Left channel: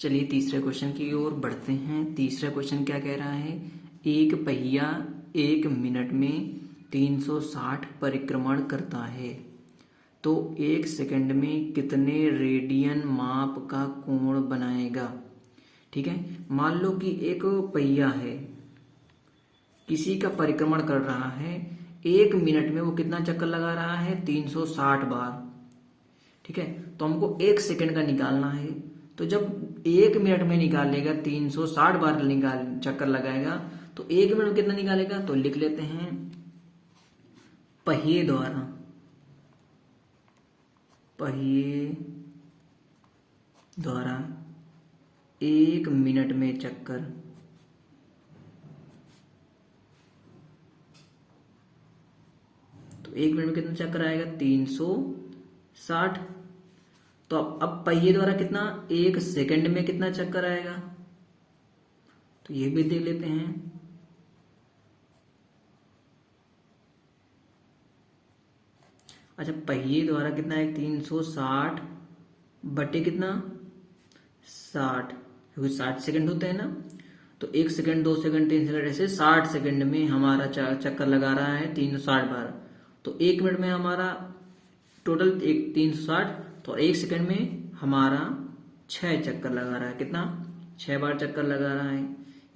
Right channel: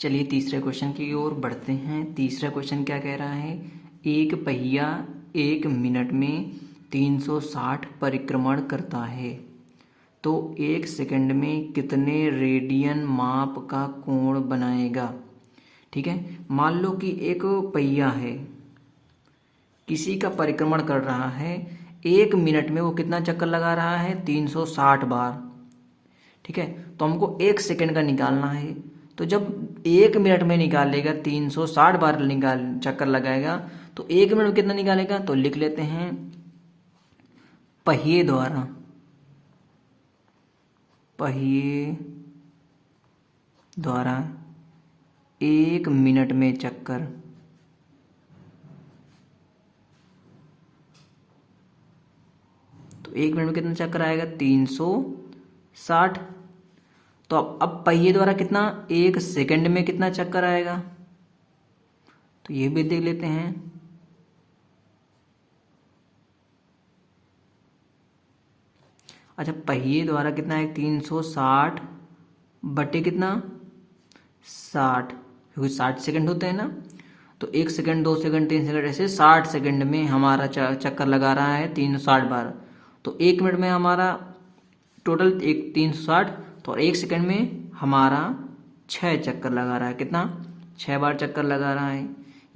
चलिए तीसरे क्वेश्चन की ओर बढ़ते हैं। तीसरा क्वेश्चन क्या कह रहा है, एक पहिया 1 मिनट में 360 परिक्रमण करता है तो 1 सेकंड में कितने रेडियन माप का कोण बनाएगा। ठीक है, मान लो कि एक पहिया है, किसी का परिक्रमण कर रहा है, 1 मिनट में वो कितना चक्कर लगा रहा है, 360 बार। ठीक है, तो हमको 1 सेकंड का निकालना है। तो जब 1 मिनट में निकालेगा 360 बार चक्कर लगाएगा तो 1 मिनट में कितना निकालेगा, तो लिख लेते हैं पहिए द्वारा 1 मिनट में चक्कर। तो 1 मिनट में कितना चक्कर आएगा, 360। तो अब पहिए द्वारा कितना, 1 सेकंड में कितना चक्कर आएगा, तो ये भी देख लेते हैं। अच्छा, पहिए द्वारा कितना है, 360 बटे कितना, 60, क्योंकि 60 सेकंड होते हैं ना। तो 1 सेकंड, 2 सेकंड, 3 सेकंड, ऐसे 60 सेकंड में हमारा चक्कर लगा रहा है 360 बार। तो 1 मिनट में हमारा टोटल 360, तो 1 सेकंड में हमारा 6 चक्कर लगा रहा है। कितना, 6 बार चक्कर लगा रहा है।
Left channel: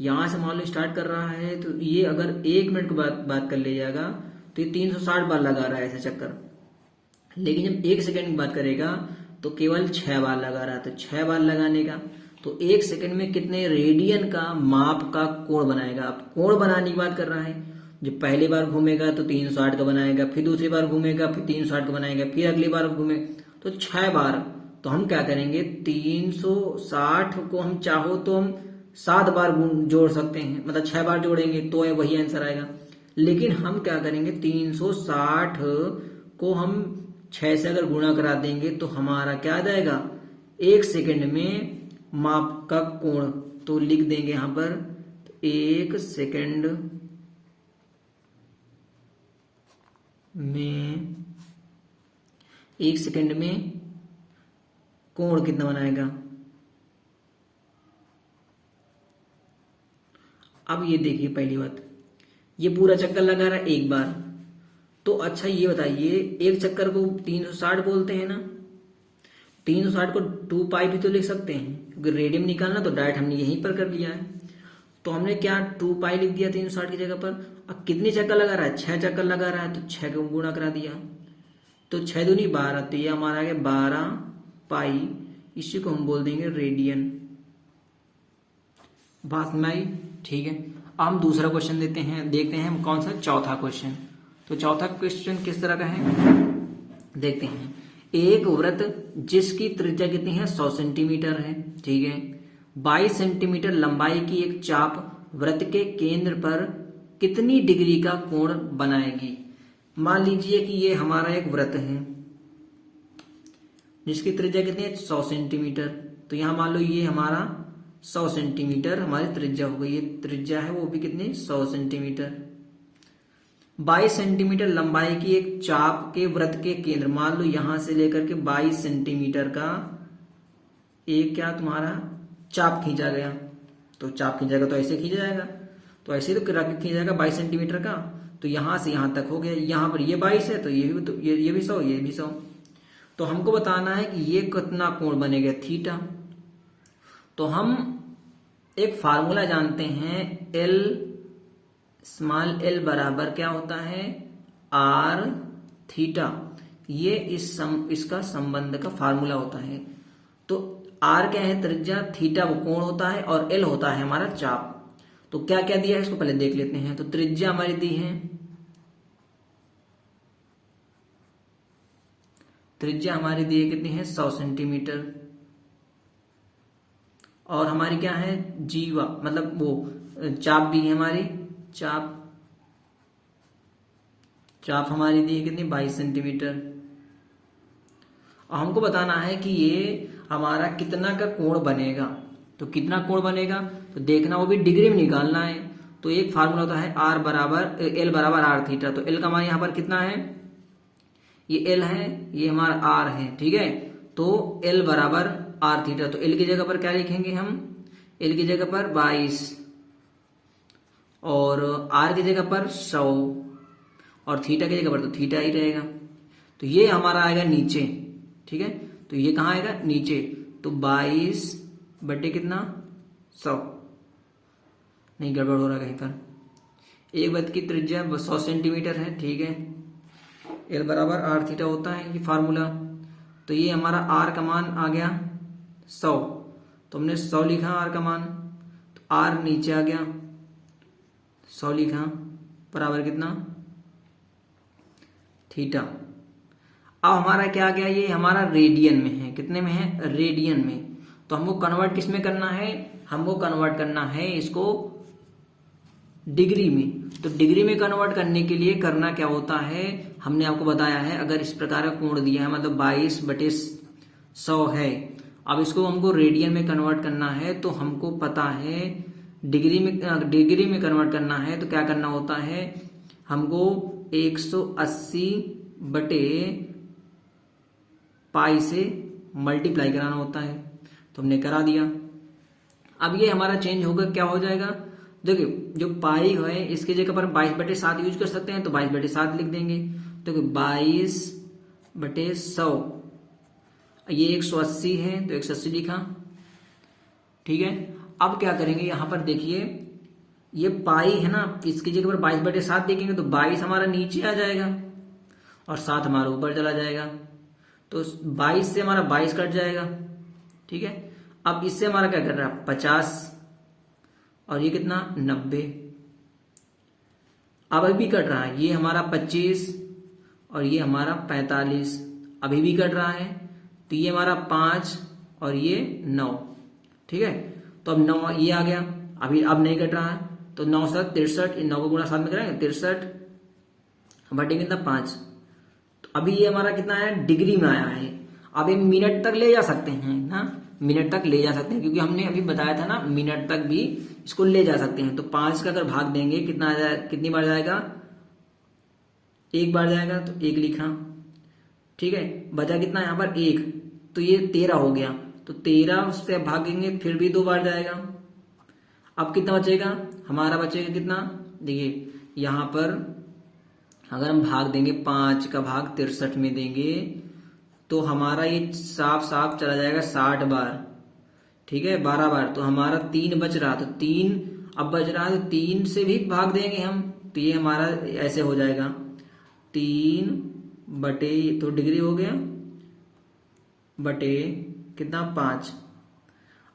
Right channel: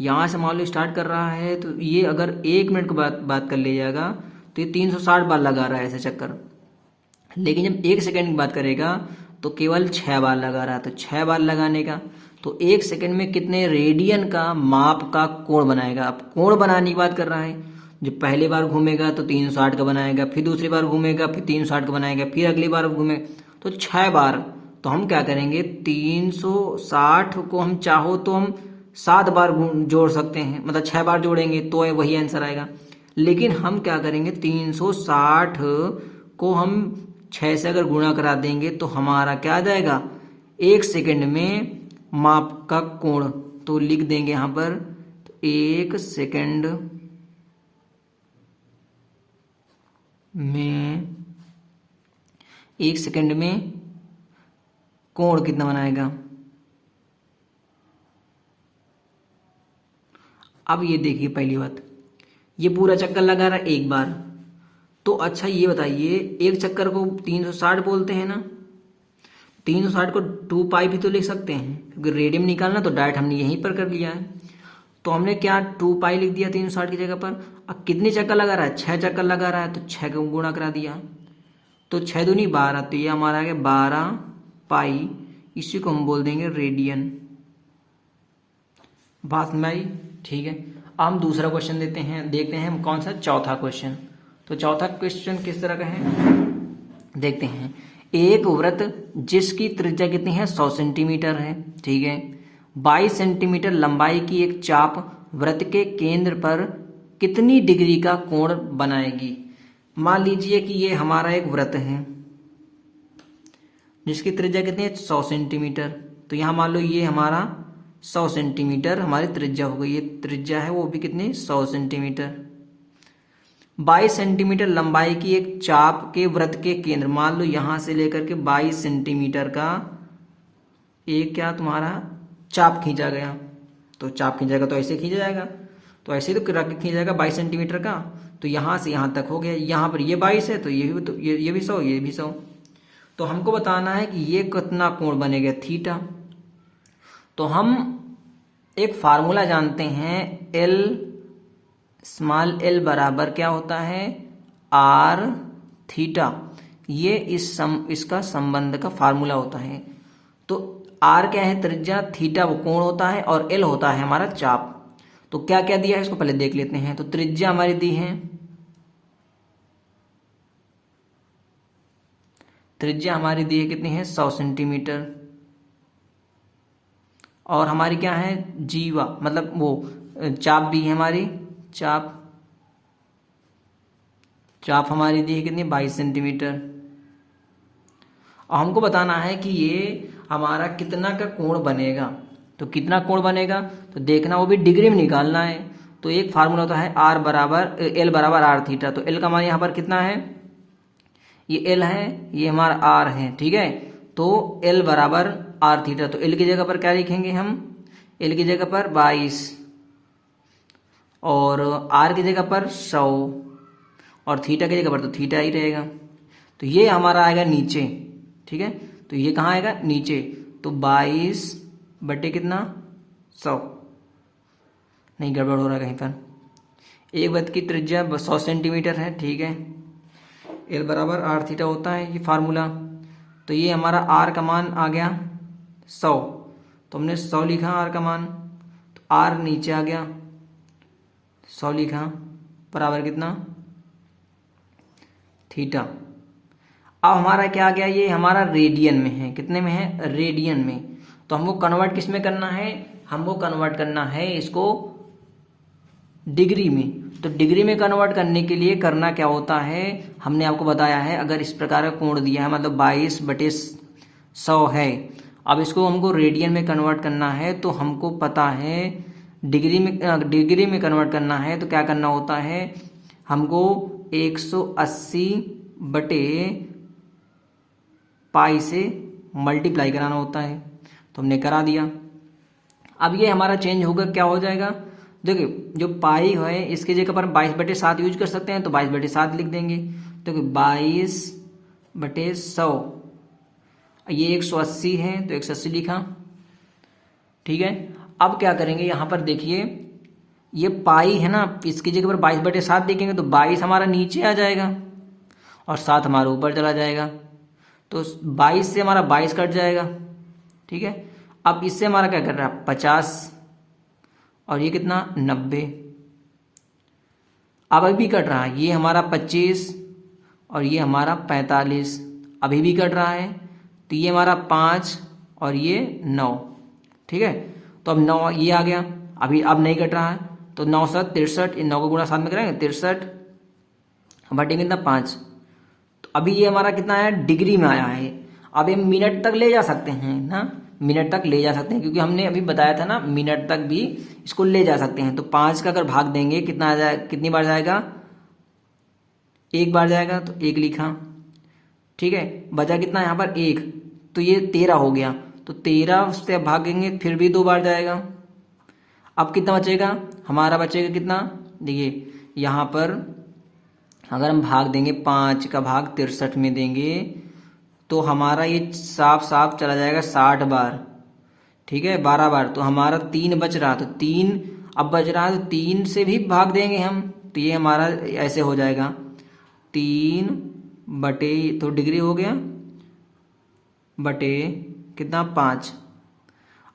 यहाँ से मान लो स्टार्ट कर रहा है, तो ये अगर 1 मिनट की बात कर ले जाएगा तो ये 360 बार लगा रहा है ऐसे चक्कर। लेकिन जब 1 सेकंड की बात करेगा तो केवल 6 बार लगा रहा है। तो 6 बार लगाने का, तो 1 सेकंड में कितने रेडियन का माप का कोण बनाएगा। अब कोण बनाने की बात कर रहा है, जब पहली बार घूमेगा तो 360 का बनाएगा, फिर दूसरी बार घूमेगा फिर 360 का बनाएगा, फिर अगली बार घूमेगा तो 6 बार। तो हम क्या करेंगे, 360 को हम चाहो तो हम 7 बार जोड़ सकते हैं, मतलब 6 बार जोड़ेंगे तो वही आंसर आएगा। लेकिन हम क्या करेंगे, 360 को हम 6 से अगर गुणा करा देंगे तो हमारा क्या आ जाएगा, 1 सेकंड में माप का कोण। तो लिख देंगे यहाँ पर 1 सेकंड में, 1 सेकंड में कोण कितना बनाएगा। अब ये देखिए, पहली बात, ये पूरा चक्कर लगा रहा है 1 बार। तो अच्छा ये बताइए, एक चक्कर को 360 बोलते हैं ना, 360 को 2 पाई भी तो लिख सकते हैं, क्योंकि रेडियन निकालना तो डायरेक्ट हमने यहीं पर कर लिया है। तो हमने क्या 2 पाई लिख दिया 360 की जगह पर। अब कितनी चक्कर लगा रहा है, 6 चक्कर लगा रहा है, तो 6 को गुणा करा दिया, तो 6 दूनी 12, तो ये हमारा आ गया 12 पाई। इसी को हम बोल देंगे रेडियन। बात में आई, ठीक है। अब हम दूसरा क्वेश्चन देखते हैं कौन सा, चौथा क्वेश्चन। तो चौथा क्वेश्चन किस तरह का है, देखते हैं। एक वृत्त जिसकी त्रिज्या कितनी है, 100 सेंटीमीटर है। ठीक है, 22 सेंटीमीटर लंबाई की एक चाप वृत्त के केंद्र पर कितनी डिग्री का कोण बनाएगी। मान लीजिए कि ये हमारा एक वृत्त है जिसकी त्रिज्या कितनी है, 100 सेंटीमीटर। तो यहाँ मान लो ये हमारा 100 सेंटीमीटर हमारी त्रिज्या हो गई। ये त्रिज्या है वो भी कितनी, 100 सेंटीमीटर। 22 सेंटीमीटर लंबाई की एक चाप के वृत्त के केंद्र, मान लो यहां से लेकर के 22 सेंटीमीटर का एक क्या तुम्हारा चाप खींचा गया। तो चाप खींचा जाएगा तो ऐसे खींचा जाएगा, तो ऐसे तो खींचा जाएगा 22 सेंटीमीटर का। तो यहां से यहां तक हो गया, यहां पर ये 22 है तो ये भी, तो ये भी 100, ये भी 100। तो हमको बताना है कि ये कितना कोण बनेगा, थीटा। तो हम एक फार्मूला जानते हैं, स्मॉल एल बराबर क्या होता है, आर थीटा। ये इसका संबंध का फार्मूला होता है। तो आर क्या है, त्रिज्या, थीटा वो कोण होता है, और एल होता है हमारा चाप। तो क्या क्या दिया है इसको पहले देख लेते हैं। तो त्रिज्या हमारी दी है, त्रिज्या हमारी दी है कितनी है, 100 सेंटीमीटर। और हमारी क्या है, जीवा, मतलब वो चाप भी है हमारी, चाप हमारी दी है कितनी, 22 सेंटीमीटर। और हमको बताना है कि ये हमारा कितना का कोण बनेगा। तो कितना कोण बनेगा तो देखना, वो भी डिग्री में निकालना है। तो एक फार्मूला होता है एल बराबर आर थीटा। तो एल का हमारे यहाँ पर कितना है, ये एल है, ये हमारा आर है। ठीक है, तो एल बराबर आर थीटा। तो एल की जगह पर क्या लिखेंगे हम, एल की जगह पर 22 और आर की जगह पर 100 और थीटा की जगह पर तो थीटा ही रहेगा। तो ये हमारा आएगा नीचे, ठीक है। तो ये कहाँ आएगा, नीचे। तो 22 बटे कितना, 100। नहीं, गड़बड़ हो रहा है कहीं पर। एक वृत्त की त्रिज्या 100 सेंटीमीटर है, ठीक है। एल बराबर आर थीटा होता है, ये फार्मूला। तो ये हमारा आर का मान आ गया 100, तो हमने 100 लिखा आर का मान। तो आर नीचे आ गया, 100 लिखा, बराबर कितना, थीटा। अब हमारा क्या आ गया, ये हमारा रेडियन में है। कितने में है, रेडियन में। तो हमको कन्वर्ट किस में करना है, हमको कन्वर्ट करना है इसको डिग्री में। तो डिग्री में कन्वर्ट करने के लिए करना क्या होता है, हमने आपको बताया है, अगर इस प्रकार का कोण दिया है, मतलब 22/100 है। अब इसको हमको रेडियन में कन्वर्ट करना है, तो हमको पता है डिग्री में कन्वर्ट करना है तो क्या करना होता है, हमको 180 बटे पाई से मल्टीप्लाई कराना होता है। तो हमने करा दिया। अब ये हमारा चेंज होगा, क्या हो जाएगा, देखिए जो पाई है इसकी जगह पर 22/7 यूज कर सकते हैं, तो 22/7 लिख देंगे। तो 22/100, ये 180 है तो 180 लिखा, ठीक है। अब क्या करेंगे, यहां पर देखिए ये पाई है ना, इसकी जगह पर 22/7 लिखेंगे तो 22 हमारा नीचे आ जाएगा और 7 हमारा ऊपर चला जाएगा। तो 22 से हमारा 22 कट जाएगा, ठीक है। अब इससे हमारा क्या कर रहा है, 50 और ये कितना, 90। अब अभी कट रहा है, ये हमारा 25 और ये हमारा 45 अभी भी कट रहा है। तो ये हमारा 5 और ये 9, ठीक है। तो अब 9 ये आ गया, अभी अब नहीं कट रहा है। तो 9 7 63, इन 9 को गुणा 7 में करेंगे, 63 बटे कितना, 5। तो अभी ये हमारा कितना है, डिग्री में आया है। अब ये मिनट तक ले जा सकते हैं ना, मिनट तक ले जा सकते हैं, क्योंकि हमने अभी बताया था ना मिनट तक भी इसको ले जा सकते हैं। तो 5 का अगर भाग देंगे कितना आ जाए, कितनी बार जाएगा, एक बार जाएगा, तो 1 लिखा, ठीक है। बचा कितना यहाँ पर 1, तो ये 13 हो गया। तो 13 उससे भागेंगे फिर भी 2 बार जाएगा। अब कितना बचेगा, हमारा बचेगा कितना, देखिए यहाँ पर अगर हम भाग देंगे, 5 का भाग 63 में देंगे तो हमारा ये साफ साफ चला जाएगा 60 बार, ठीक है, 12 बार। तो हमारा 3 बच रहा, तो 3 अब बच रहा है, तो 3 से भी भाग देंगे हम, तो ये हमारा ऐसे हो जाएगा 3 बटे, तो डिग्री हो गया, बटे कितना, 5।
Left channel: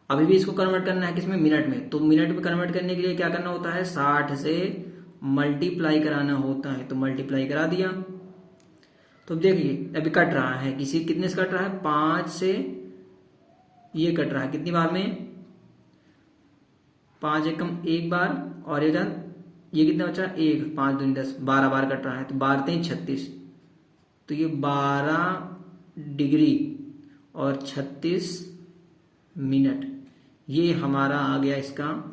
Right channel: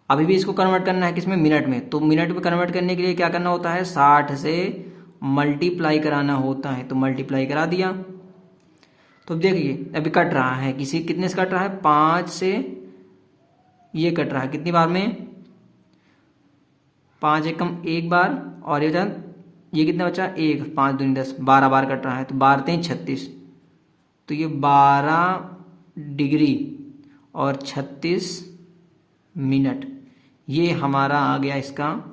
अभी भी इसको कन्वर्ट करना है किसमें, मिनट में। तो मिनट में कन्वर्ट करने के लिए क्या करना होता है, 60 से मल्टीप्लाई कराना होता है। तो मल्टीप्लाई करा दिया। तो देखिए अभी कट रहा है, कितने से कट रहा है, 5 से ये कट रहा है कितनी बार में, 5 एकम 1 बार, और ये कितना बचा, 1, 5 दूनी 10, 12 बार कट रहा है। तो 12 3 36, तो ये 12 डिग्री और 36 मिनट, ये हमारा आ गया इसका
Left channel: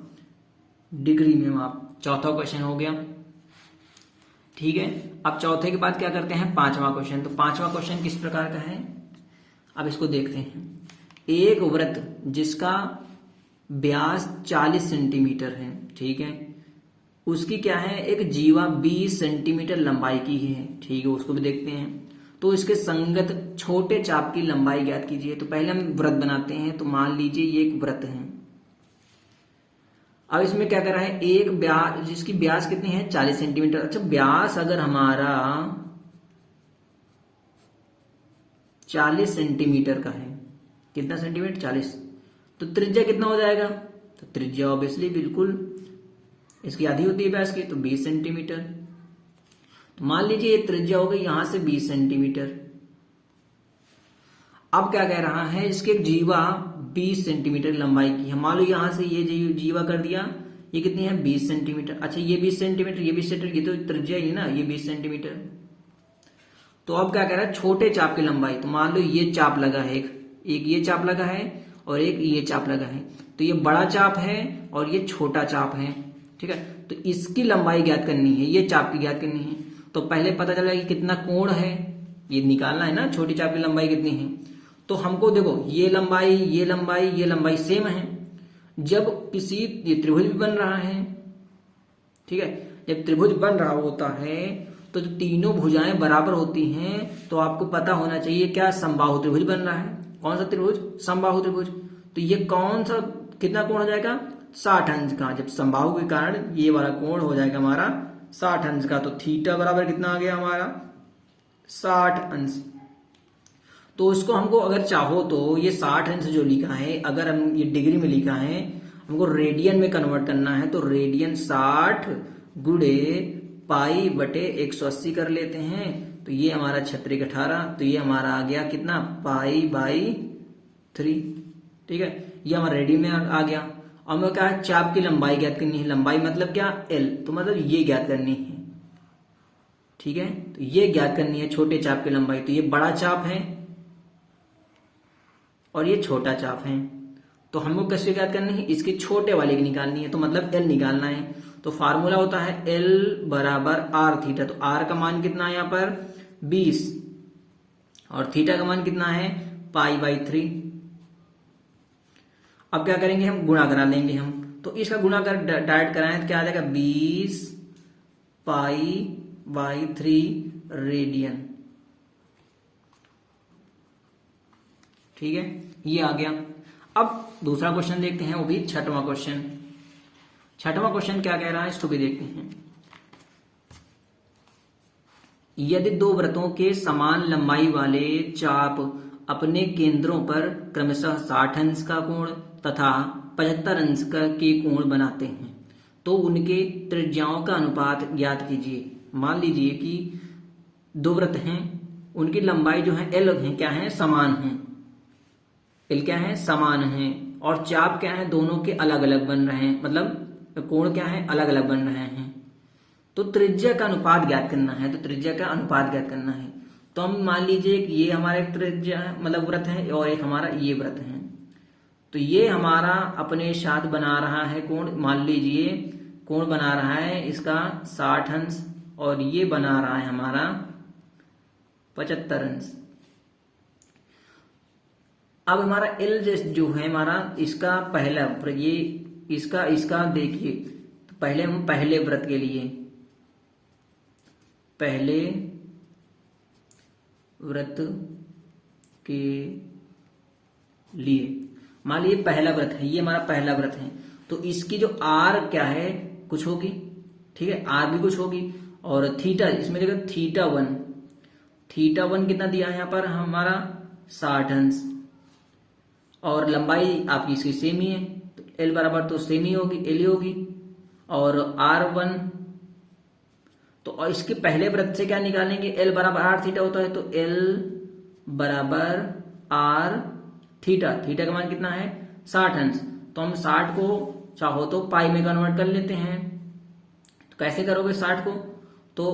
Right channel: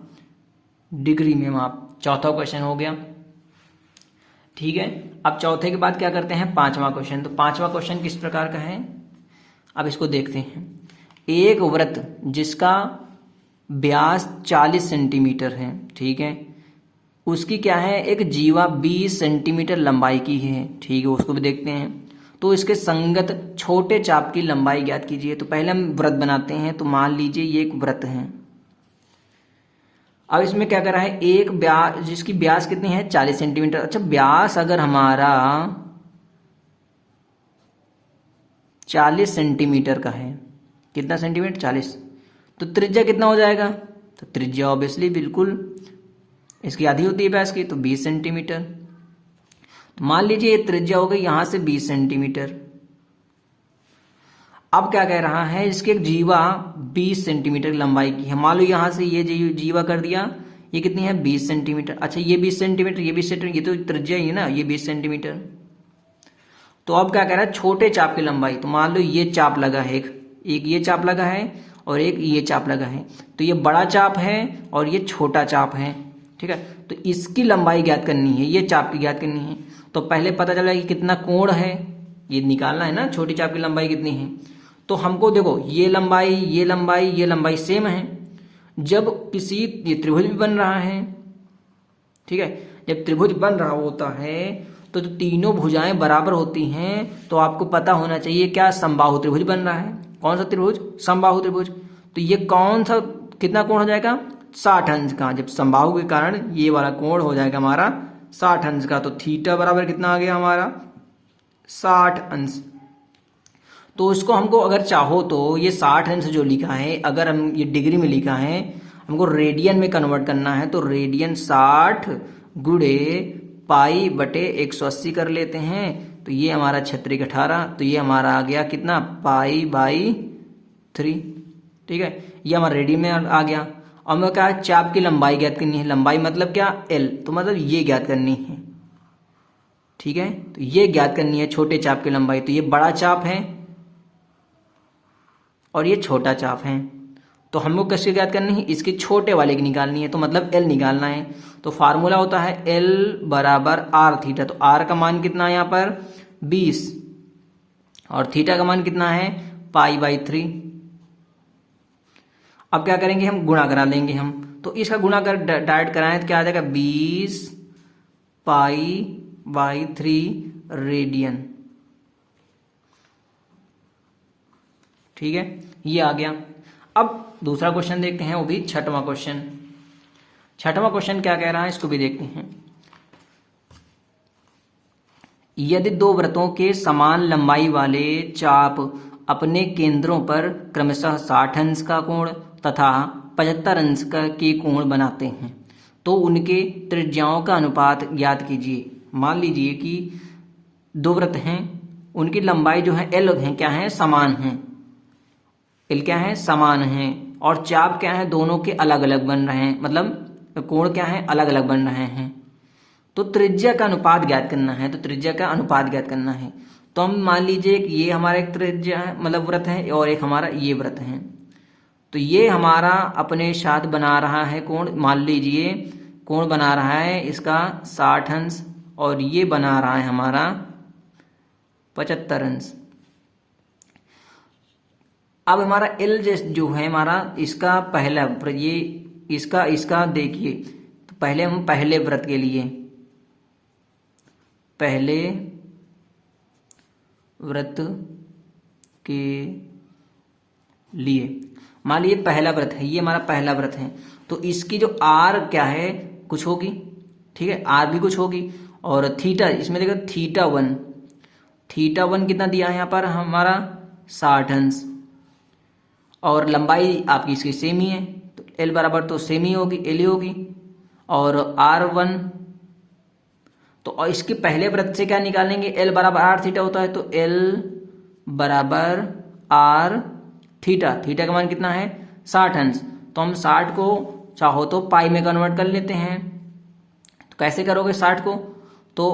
डिग्री में माप। चौथा क्वेश्चन हो गया, ठीक है। अब चौथे के बाद क्या करते हैं, पांचवा क्वेश्चन। तो पांचवा क्वेश्चन किस प्रकार का है, अब इसको देखते हैं। एक वृत्त जिसका व्यास 40 सेंटीमीटर है, ठीक है, उसकी क्या है, एक जीवा 20 सेंटीमीटर लंबाई की है, ठीक है, उसको भी देखते हैं। तो इसके संगत छोटे चाप की लंबाई ज्ञात कीजिए। तो पहले हम वृत्त बनाते हैं। तो मान लीजिए ये एक वृत्त है। अब इसमें क्या कर रहा है, एक व्यास, जिसकी व्यास कितनी है, 40 सेंटीमीटर। अच्छा, व्यास अगर हमारा 40 सेंटीमीटर का है, कितना सेंटीमीटर, 40, तो त्रिज्या कितना हो जाएगा, तो त्रिज्या ऑब्वियसली बिल्कुल इसकी आधी होती है व्यास की, तो 20 सेंटीमीटर। तो मान लीजिए ये त्रिज्या हो गई यहां से 20 सेंटीमीटर। अब क्या कह रहा है, इसके एक जीवा 20 सेंटीमीटर लंबाई की है। मान लो यहां से ये जीवा कर दिया, ये कितनी है, 20 सेंटीमीटर। अच्छा, ये 20 सेंटीमीटर, ये 20 सेंटीमीटर, ये तो त्रिज्या ही है ना, ये 20 सेंटीमीटर। तो अब क्या कह रहा है, छोटे चाप की लंबाई। तो मान लो ये चाप लगा है, एक ये चाप लगा है और एक ये चाप लगा है। तो ये बड़ा चाप है और ये छोटा चाप है, ठीक है। तो इसकी लंबाई ज्ञात करनी है, ये चाप की ज्ञात करनी है। तो पहले पता चला कि कितना कोण है, ये निकालना है ना, छोटी चाप की लंबाई कितनी है। तो हमको देखो ये लंबाई ये लंबाई ये लंबाई सेम है। जब किसी ये त्रिभुज भी बन रहा है, ठीक है, जब त्रिभुज बन रहा होता है तो जो तीनों भुजाएं बराबर होती हैं तो आपको पता होना चाहिए क्या समबाहु त्रिभुज बन रहा है। कौन सा त्रिभुज? समबाहु त्रिभुज। तो ये कौन सा कितना कोण हो जाएगा? 60 अंश का। जब समबाहु के कारण ये वाला कोण हो जाएगा हमारा 60 अंश का। तो थीटा बराबर कितना आ गया हमारा? 60 अंश। तो इसको हमको अगर चाहो तो ये 60 अंश जो लिखा है, अगर हम ये डिग्री में लिखा है, हमको रेडियन में कन्वर्ट करना है तो रेडियन 60 गुणे पाई बटे 180 कर लेते हैं। तो ये हमारा 36 18, तो ये हमारा आ गया कितना? Pi by 3। ठीक है, ये हमारा रेडियन में आ गया। अब हमें क्या है? चाप की लंबाई ज्ञात करनी है। लंबाई मतलब क्या? एल। तो मतलब ये ज्ञात करनी है। ठीक है, तो ये ज्ञात करनी है छोटे चाप की लंबाई। तो ये बड़ा चाप है और ये छोटा चाप है। तो हमको कैसे ज्ञात करनी है? इसके छोटे वाले की निकालनी है, तो मतलब एल निकालना है। तो फार्मूला होता है एल बराबर आर थीटा। तो आर का मान कितना है यहाँ पर? 20 और थीटा का मान कितना है? Pi by 3। अब क्या करेंगे? हम गुणा करा लेंगे हम। तो इसका गुणा कर डायरेक्ट कराएं तो क्या आ जाएगा? 20 पाई बाई 3 रेडियन। ठीक है, ये आ गया। अब दूसरा क्वेश्चन देखते हैं, वो भी छठवां क्वेश्चन। छठवां क्वेश्चन क्या कह रहा है इसको भी देखते हैं। यदि दो वृत्तों के समान लंबाई वाले चाप अपने केंद्रों पर क्रमशः 60 अंश का कोण तथा 75 अंश का के कोण बनाते हैं तो उनके त्रिज्याओं का अनुपात ज्ञात कीजिए। मान लीजिए कि दो वृत्त हैं, उनकी लंबाई जो है एल है, क्या है? समान है। एल क्या है? समान है। और चाप क्या है? दोनों के अलग अलग बन रहे हैं, मतलब कोण क्या है? अलग अलग बन रहे हैं। तो त्रिज्या का अनुपात ज्ञात करना है। तो त्रिज्या का अनुपात ज्ञात करना है तो हम मान लीजिए कि ये हमारा एक त्रिज्या है, मतलब वृत्त है, और एक हमारा ये वृत्त है। तो ये हमारा अपने साथ बना रहा है कोण। मान लीजिए कोण बना रहा है इसका 60 अंश और ये बना रहा है हमारा 75 अंश। अब हमारा एल जो है हमारा, इसका पहला ये इसका देखिए। तो पहले हम पहले वृत्त के लिए, पहले वृत्त के लिए मान लीजिए पहला वृत्त है, ये हमारा पहला वृत्त है। तो इसकी जो आर क्या है? कुछ होगी। ठीक है, आर भी कुछ होगी। और थीटा, इसमें देखो थीटा 1, थीटा 1 कितना दिया है यहाँ पर हमारा? 60 अंश। और लंबाई आपकी इसकी सेम ही है, तो एल बराबर तो सेम ही होगी, एल ही होगी। और R1, तो इसके पहले वृत्त से क्या निकालेंगे? एल बराबर आर थीटा होता है, तो एल बराबर आर थीटा। थीटा का मान कितना है? 60 अंश। तो हम 60 को चाहो तो पाई में कन्वर्ट कर लेते हैं। तो कैसे करोगे 60 को? तो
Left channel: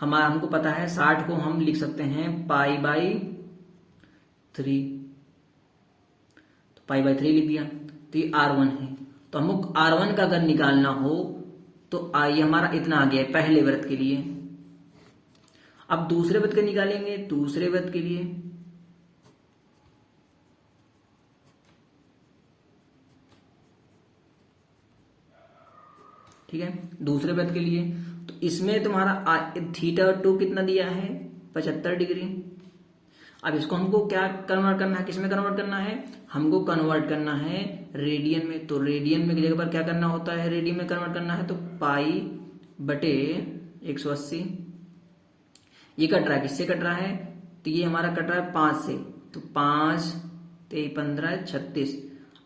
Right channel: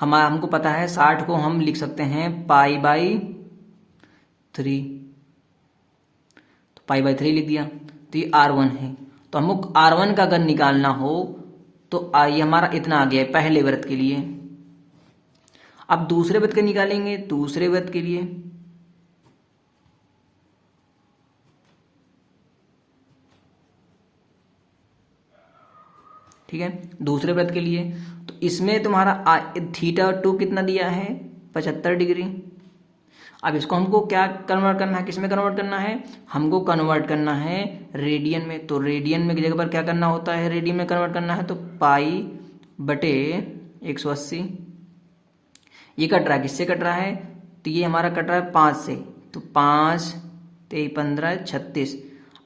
हमको पता है 60 को हम लिख सकते हैं पाई बाई 3। तो पाई बाई 3 लिख दिया। तो ये R1 है। तो हमको R1 का अगर निकालना हो तो ये हमारा इतना आ गया है पहले वृत्त के लिए। अब दूसरे वृत्त के निकालेंगे, दूसरे वृत्त के लिए। ठीक है, दूसरे वृत्त के लिए तो इसमें तुम्हारा थीटा 2 कितना दिया है? 75 डिग्री। अब इसको हमको क्या कन्वर्ट करना है? किसमें कन्वर्ट करना है? हमको कन्वर्ट करना है रेडियन में। तो रेडियन में की जगह पर क्या करना होता है? रेडियन में कन्वर्ट करना है, तो पाई बटे 180। ये कट रहा है, किससे कट रहा है? तो ये हमारा कट रहा है 5 से। तो 5 3 15 36।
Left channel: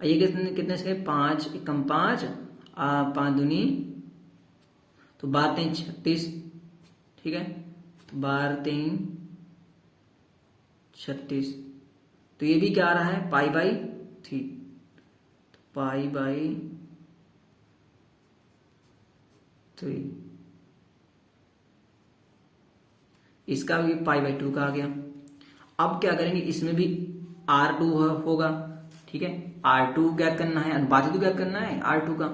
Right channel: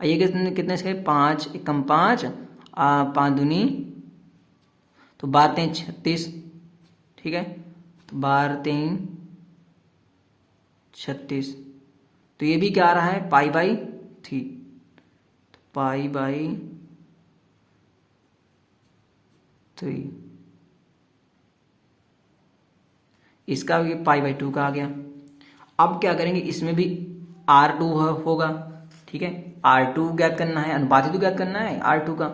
ये कितने से? 5 एकम 5 5 दूनी, तो 12 3 36। ठीक है, तो 12 3 36। तो ये भी क्या आ रहा है? Pi by 3। Pi by 3। इसका भी पाई बाई 2 का आ गया। अब क्या करेंगे? इसमें भी R2 होगा। ठीक है, R2 ज्ञात करना है, अनुपात तो ज्ञात करना है R2 का।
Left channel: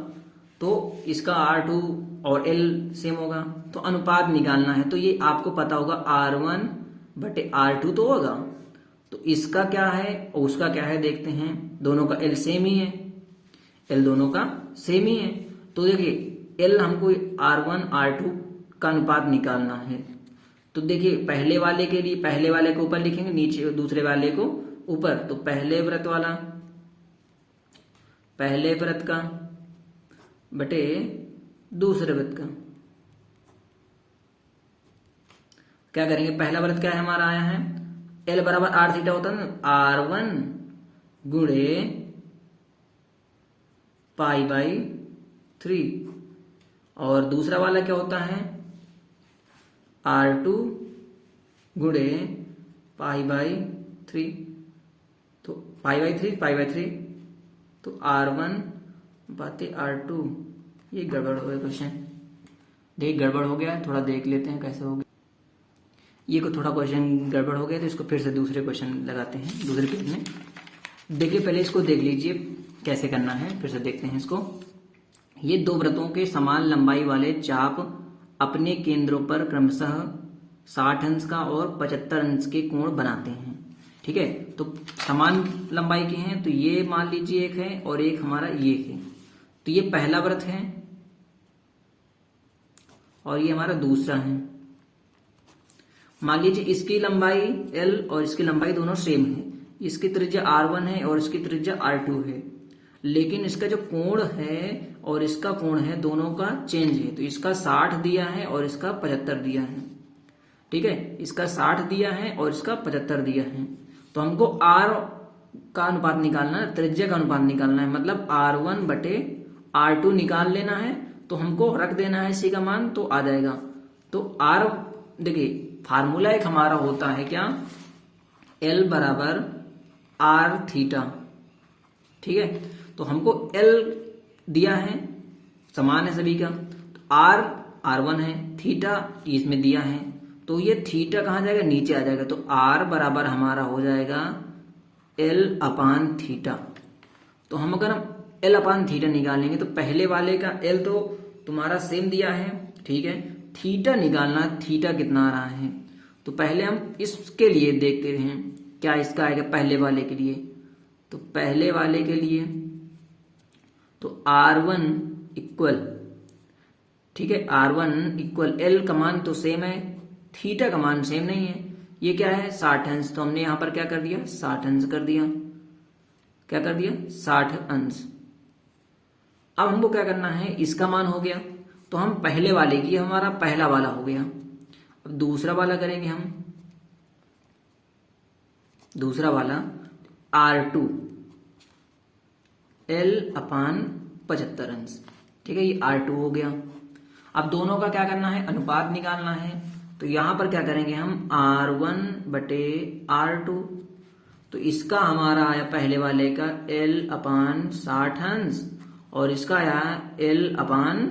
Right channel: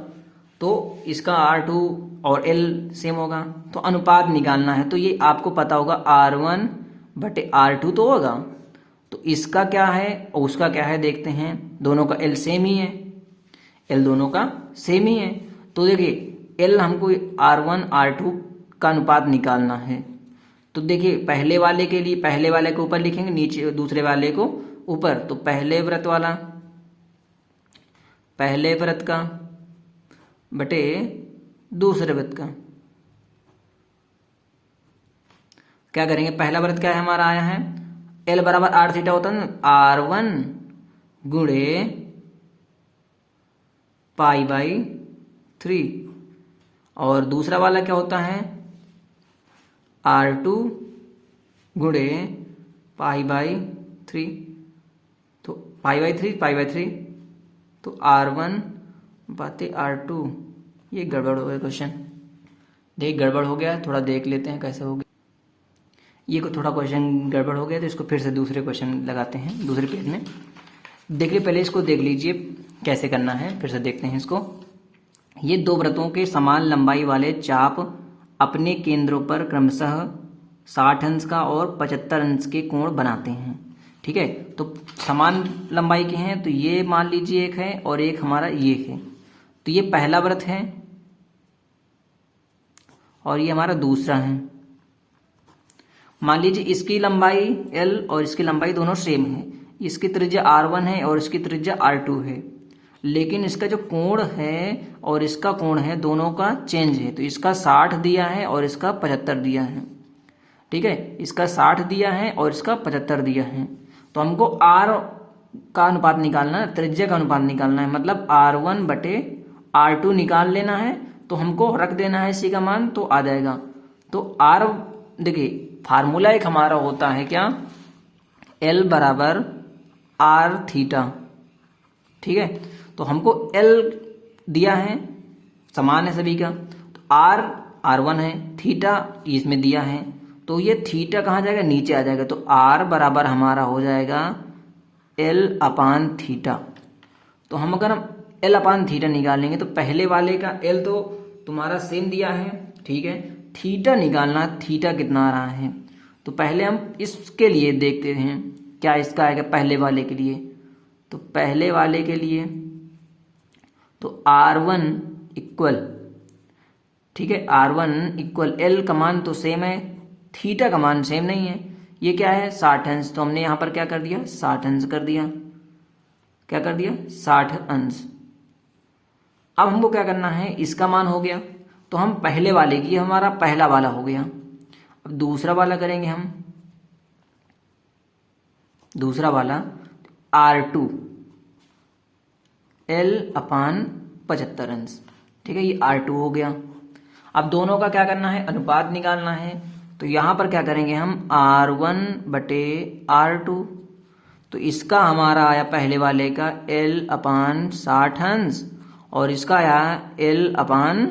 तो इसका R2 और L सेम होगा, तो अनुपात निकालना है। तो ये आपको पता होगा R1 बटे R2 तो होगा, तो इसका क्या है और उसका क्या है देखते हैं। दोनों का एल सेम ही है, एल दोनों का सेम ही है। तो देखिए एल हमको R1 R2 का अनुपात निकालना है। तो देखिए पहले वाले के लिए पहले वाले को ऊपर लिखेंगे, नीचे दूसरे वाले को ऊपर। तो पहले व्रत वाला पहले व्रत का बटे दूसरे व्रत का क्या करेंगे। पहला व्रत क्या है हमारा आया है, एल बराबर आर थीटा होता है ना, R1 गुणे पाई बाई 3। और दूसरा वाला क्या होता है, R2 गुणे पाई बाई 3। तो पाई बाई 3 तो R1 बाते R2। ये गड़बड़ हो गया क्वेश्चन, देख गड़बड़ हो गया, थोड़ा देख लेते हैं कैसे हो गया। ये को थोड़ा क्वेश्चन गड़बड़ हो गया तो इसको फिर से दूसरे क्वेश्चन लगाते हैं दूसरे पेज में। देखिए पहले इसको देख लीजिए कैसे करना है, फिर से देखते हैं इसको। ये दो वृत्तों के समान लंबाई वाले चाप अपने केंद्रों पर क्रमशः 60 अंश का और 75 अंश के कोण बनाते हैं। ठीक है, तो समान लंबाई के हैं, तो ये मान लीजिए एक है और एक हमारा ये है। तो ये पहला व्रत है और ये हमारा दूसरा है। मान लीजिए इसकी लंबाई L और इसकी लंबाई दोनों सेम है। इसकी त्रिज्या R1 है और इसकी त्रिज्या R2 है, लेकिन इसका जो कोण है और इसका कोण है दोनों का चेंज है। तो इसका 60 दिया है और इसका 75 दिया है। ठीक है, इसका 60 दिया है और इसका 75 दिया है। तो हमको R का अनुपात निकालना है, त्रिज्या का अनुपात निकालना है, मतलब R1 बटे R2 निकाल लेना है। तो हमको रख देना है इसी का मान, तो आ जाएगा। तो R देखिए फार्मूला एक हमारा होता है क्या, L बराबर R थीटा। ठीक है, तो हमको L दिया है, समान है सभी का। तो R1 है, थीटा इसमें दिया है, तो ये थीटा कहाँ जाएगा, नीचे आ जाएगा। तो R बराबर हमारा हो जाएगा L अपान थीटा। तो हम अगर L अपान थीटा निकालेंगे तो पहले वाले का L तो तुम्हारा सेम दिया है, ठीक है। थीटा निकालना, थीटा कितना आ रहा है। तो पहले हम इसके लिए देखते हैं क्या इसका आएगा पहले वाले के लिए। तो पहले वाले के लिए तो R1 इक्वल, ठीक है, R1 इक्वल L का मान तो सेम है, थीटा का मान सेम नहीं है। ये क्या है 60 अंश, तो हमने यहां पर क्या कर दिया 60 अंश कर दिया। क्या कर दिया 60 अंश। अब हमको क्या करना है, इसका मान हो गया तो हम पहले वाले की, हमारा पहला वाला हो गया। अब दूसरा वाला करेंगे हम, दूसरा वाला R2 L अपान 75 अंश। ठीक है, ये R2 हो गया। अब दोनों का क्या करना है, अनुपात निकालना है। तो यहां पर क्या करेंगे हम R1 बटे R2। तो इसका हमारा आया पहले वाले का L अपान 60 अंश और इसका आया L अपान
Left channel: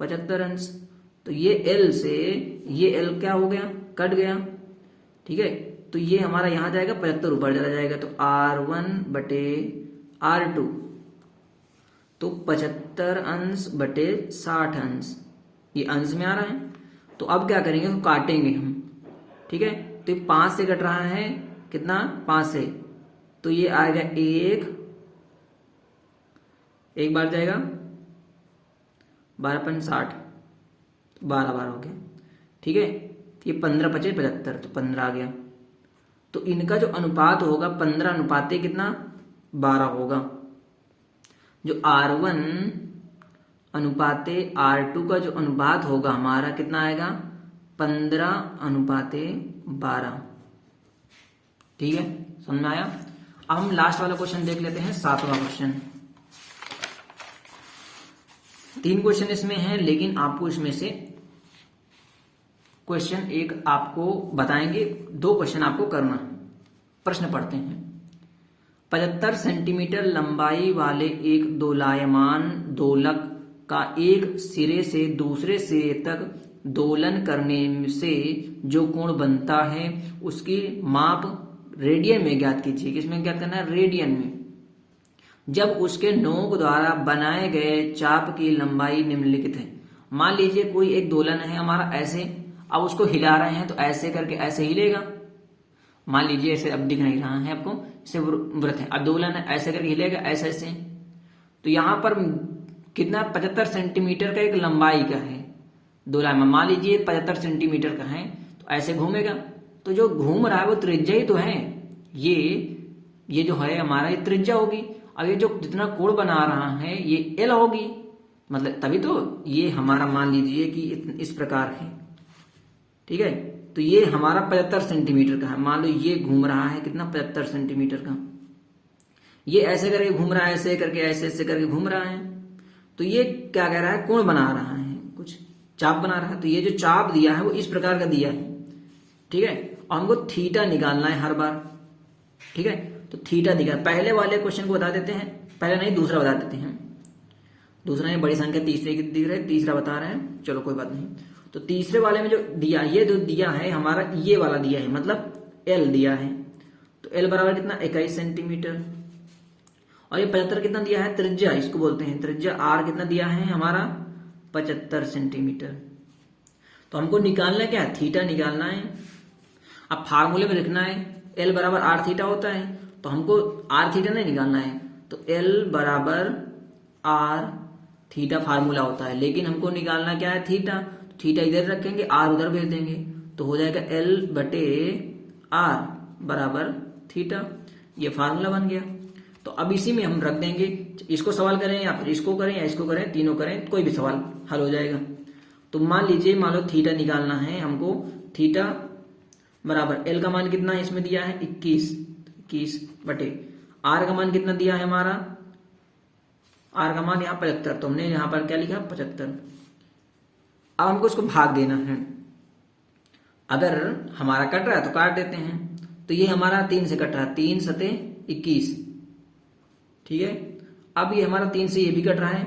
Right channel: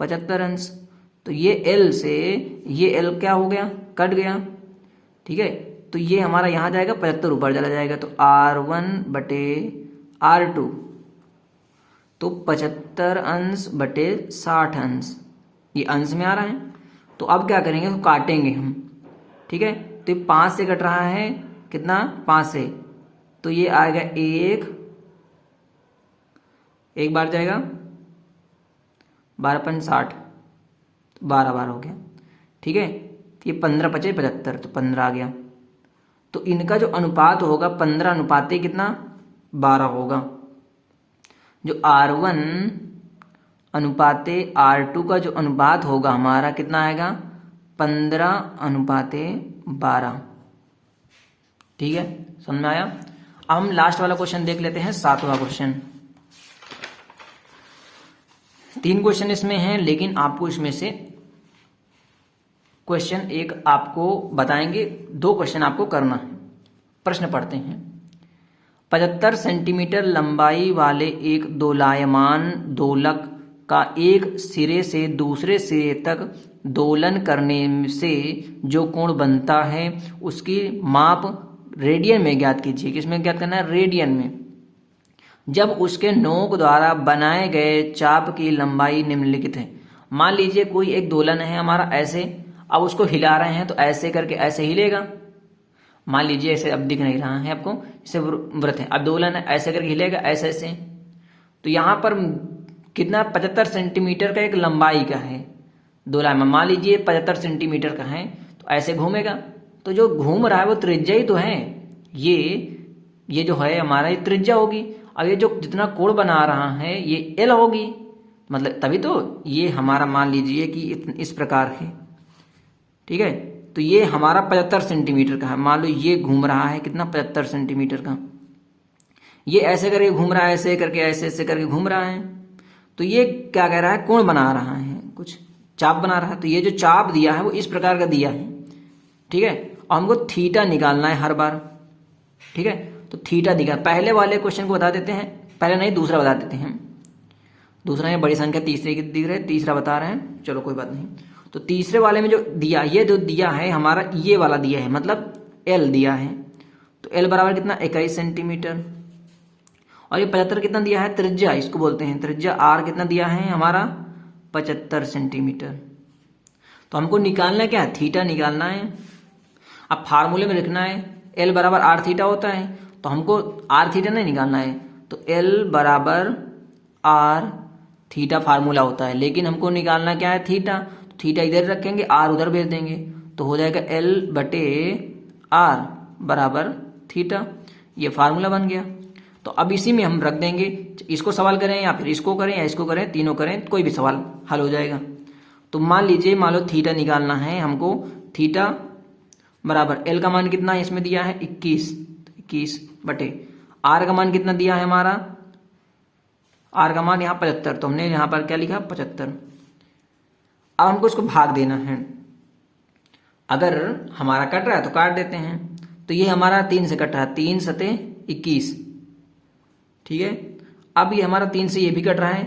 75 अंश। तो ये L से ये L क्या हो गया, कट गया। ठीक है, तो ये हमारा यहां जाएगा 75 ऊपर चला जाएगा। तो R1 बटे R2 तो 75 अंश बटे 60 अंश, ये अंश में आ रहा है। तो अब क्या करेंगे, तो काटेंगे हम। ठीक है, तो 5 से कट रहा है कितना, 5 से, तो ये आएगा एक बार जाएगा 12 60, 12 12 हो गया। ठीक है, तो ये 15 पचे 75, तो 15 आ गया। तो इनका जो अनुपात होगा 15 अनुपाते कितना 12 होगा। जो R1 अनुपाते R2 का जो अनुपात होगा हमारा कितना आएगा 15 अनुपाते 12। ठीक है, समझ में आया। अब हम लास्ट वाला क्वेश्चन देख लेते हैं, 7वां क्वेश्चन। 3 क्वेश्चन इसमें हैं, लेकिन आपको इसमें से क्वेश्चन एक आपको बताएंगे, 2 क्वेश्चन आपको करना है। प्रश्न पढ़ते हैं। 75 सेंटीमीटर लंबाई वाले एक दोलायमान दोलक का एक सिरे से दूसरे सिरे तक दोलन करने से जो कोण बनता है उसकी माप रेडियन में ज्ञात कीजिए। किसमें ज्ञात करना है, रेडियन में। जब उसके नोक द्वारा बनाए गए चाप की लंबाई निम्नलिखित है। मान लीजिए कोई एक दोलन है हमारा ऐसे, अब उसको हिला रहे हैं तो ऐसे करके ऐसे हिलेगा। मान लीजिए ऐसे, अब दिख नहीं रहा है आपको, इसे वृत्त है, अब दोलन है, ऐसे करके हिलेगा ऐसे ऐसे, तो यहाँ पर कितना 75 सेंटीमीटर का एक लंबाई का है दोलन में, मान लीजिए 75 सेंटीमीटर का है, तो ऐसे घूमेगा, तो जो घूम रहा है वो त्रिज्या ही तो है, ये जो है हमारा ये त्रिज्या होगी। अब ये जो जितना कोण बना रहा है ये एल होगी, मतलब तभी तो ये हमारा मान लीजिए कि इस प्रकार है, ठीक है। तो ये हमारा 75 सेंटीमीटर का है, मान लो ये घूम रहा है कितना 75 सेंटीमीटर का, ये ऐसे करके घूम रहा है, ऐसे करके ऐसे करके घूम रहा है, तो ये क्या कह रहा है, कोण बना रहा है, कुछ चाप बना रहा है, तो ये जो चाप दिया है वो इस प्रकार का दिया है, ठीक है। और हमको थीटा निकालना है हर बार, ठीक है। तो थीटा दिखा, पहले वाले क्वेश्चन को बता देते हैं, पहले नहीं दूसरा बता देते हैं, दूसरा है बड़ी संख्या तीसरे की दिख रहे हैं, तीसरा बता रहे हैं, चलो कोई बात नहीं। तो तीसरे वाले में जो दिया, ये जो दिया है हमारा ये वाला दिया है, मतलब एल दिया है, तो एल बराबर कितना 21 सेंटीमीटर, और ये 75 कितना दिया है, त्रिज्या इसको बोलते हैं, त्रिज्या आर कितना दिया है हमारा 75 सेंटीमीटर। तो हमको निकालना क्या है, थीटा निकालना है। अब फार्मूले में लिखना है एल बराबर आर थीटा होता है, तो हमको आर थीटा नहीं निकालना है, तो एल बराबर आर थीटा फार्मूला होता है, लेकिन हमको निकालना क्या है, थीटा। थीटा इधर रखेंगे, आर उधर भेज देंगे, तो हो जाएगा एल बटे आर बराबर थीटा, ये फार्मूला बन गया। तो अब इसी में हम रख देंगे, इसको सवाल करें या फिर इसको करें या इसको करें, तीनों करें, कोई भी सवाल हल हो जाएगा। तो मान लीजिए, मान लो थीटा निकालना है हमको, थीटा बराबर एल का मान कितना है इसमें दिया है 21 बटे आर का मान कितना दिया है हमारा, आर का मान यहाँ 75, तो हमने यहाँ पर क्या लिखा 75। अब हमको इसको भाग देना है, अगर हमारा कट रहा है तो काट देते हैं, तो ये हमारा 3 से कट रहा है, 3 सते 21, ठीक है। अब ये हमारा 3 से ये भी कट रहा है,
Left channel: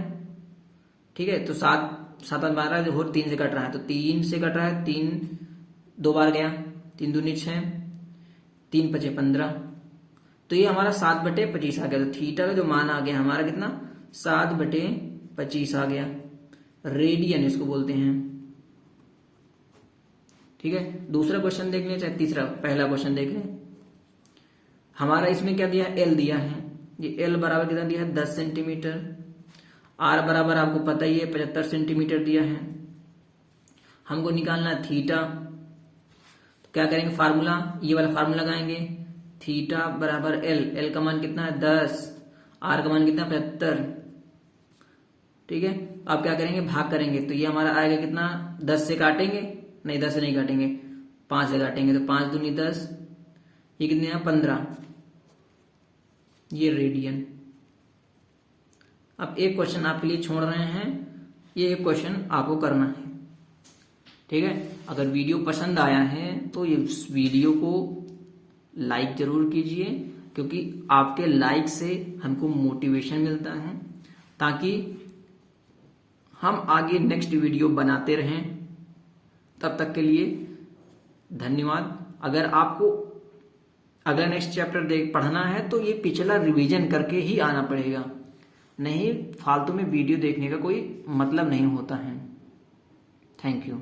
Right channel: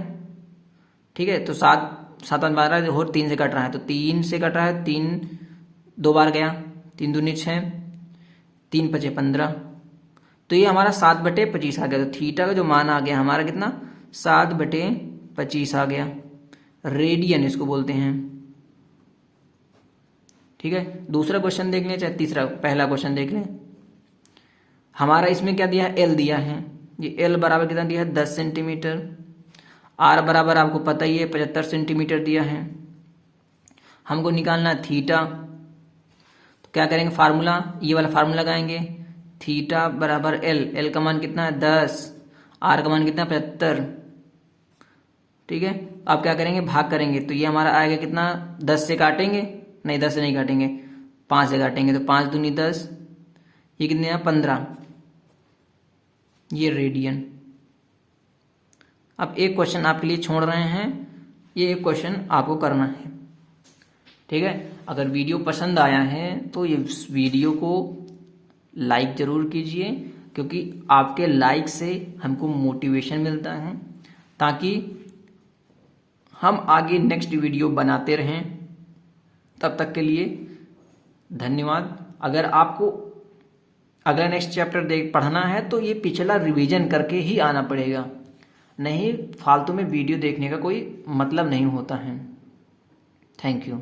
ठीक है, तो 7 7 12 और 3 से कट रहा है, तो 3 से कट रहा है, 3 2 बार गया, 3 दूनी 6, 3 पचे 15, तो ये हमारा 7/25 आ गया। तो थीटा का जो मान आ गया हमारा कितना, 7/25 आ गया, रेडियन इसको बोलते हैं, ठीक है। दूसरा क्वेश्चन देख लें, चाहे तीसरा, पहला क्वेश्चन देख लें। हमारा इसमें क्या दिया है, एल दिया है, ये एल बराबर कितना दिया है 10 सेंटीमीटर, आर बराबर आपको पता ही है 75 सेंटीमीटर दिया है। हमको निकालना है थीटा, तो क्या करेंगे, फार्मूला, ये वाला फार्मूला लगाएंगे, थीटा बराबर एल, एल का मान कितना है 10, आर का मान कितना 75, ठीक है। अब क्या करेंगे, भाग करेंगे, तो ये हमारा आएगा कितना, 10 से काटेंगे, नहीं 10 से नहीं काटेंगे, 5 से काटेंगे, तो 5 दूनी 10, ये कितने हैं 15, ये रेडियन। अब एक क्वेश्चन आपके लिए छोड़ रहे हैं, ये एक क्वेश्चन आपको करना है, ठीक है। अगर वीडियो पसंद आया है तो ये वीडियो को लाइक जरूर कीजिए, क्योंकि आपके लाइक से हमको मोटिवेशन मिलता है, ताकि हम आगे नेक्स्ट वीडियो बनाते रहें। तब तक के लिए धन्यवाद। अगर आपको अगला नेक्स्ट चैप्टर पढ़ना है तो ये पिछला रिवीजन करके ही आना पड़ेगा, नहीं फालतू में वीडियो देखने का कोई मतलब नहीं होता है। Thank you.